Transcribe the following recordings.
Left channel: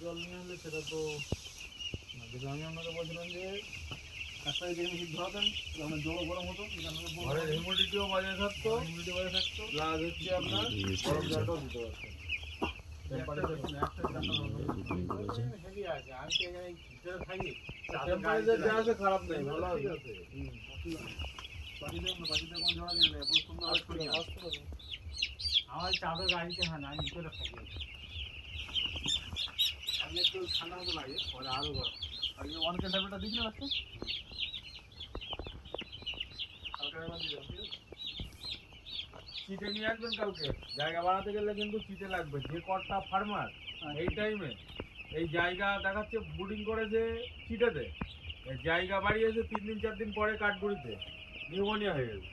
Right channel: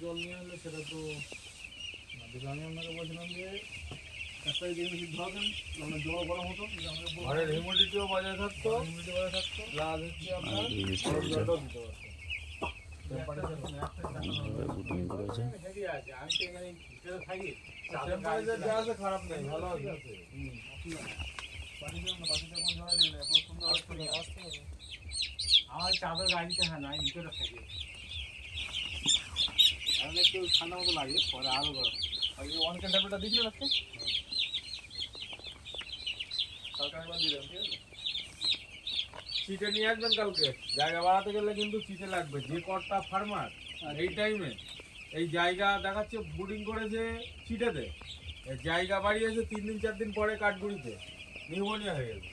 জল নিয়ে আনলে সেটা তো আমি আপনাকে বলছিলাম যে কাজটাকে যে বেশি ধরাতেন আপনার জল গরম হতো, ঘরের হিউমিডিটিও বজায় থাকতো, প্লাস হচ্ছে আপনার জলটাও দিতে পারতেন। খারাপ নেই, ভালো আছে। আমার চাদর গাড়িতে হ্যাঁ না, আমি ভিতরে থাকি। এখন একটু ঠান্ডা মতো লাগে, পরে আরো গরম। আজকে ওয়ান ক্যান্ডালটা দিয়েছিলেন আজকে? কালকে একবার দিয়ে দেন, ঠিক আছে? চিটে নিয়ে আসবেন কালকে। জায়গা বাড়াতে গেলে কিন্তু চিটে লাগবে। যে কটটা ফার্মার এই টাইমে এই জায়গা দেখাচ্ছে বুডিং করেছে চিটেতে, জায়গা বাড়িয়েছে 3 দিন 4 দিন পরে কাঠগুড়িতে নিউমোনিয়া হয়ে গেছে।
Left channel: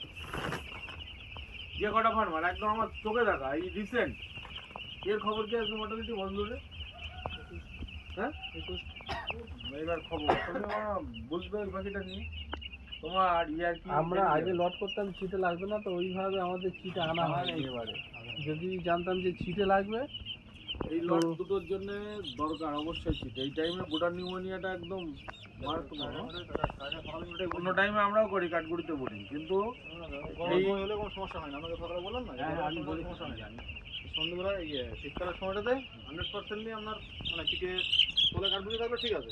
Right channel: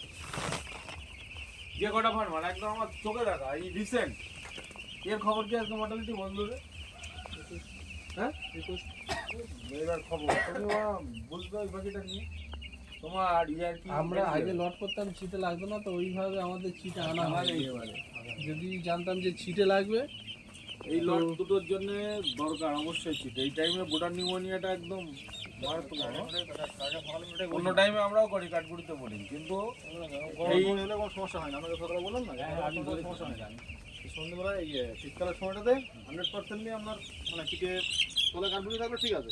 যে কটা ফার্মার একদম আমার চোখে দেখা, এই রিসেন্ট এর খবর কি আজকে মর্টালিটি বন্ধ রে? হ্যাঁ এবার খবর তুমি বুঝবে ওই বাকিটা নিয়ে তোমার ইয়ার কি। আমরা আগে লট করতাম ছিটে লাগতো না, তো ওইভাবে আমাদের ছিটে আনা হয় এবারে। যদি জানতাম যে ছিটে লাগবে, এই লট দুটোর জন্য দরকার অবশ্যই ছিট। এই টাইমে বোটার নিউমোনিয়াটা একদম অন্য টাইমে আমরাও করি কাঠগুড়িতে বোটিং, কিন্তু এই হলে কোনো সমস্যা হয় না। আমরা কথা বললাম না, আমি সমস্যা হয় না। সন্ধ্যেবেলায় শীতকালের সময়টাতে 100% নিয়ে আপনার মানে চিটে তোলে কাঠগুড়ি থাকবে, ঠিক আছে।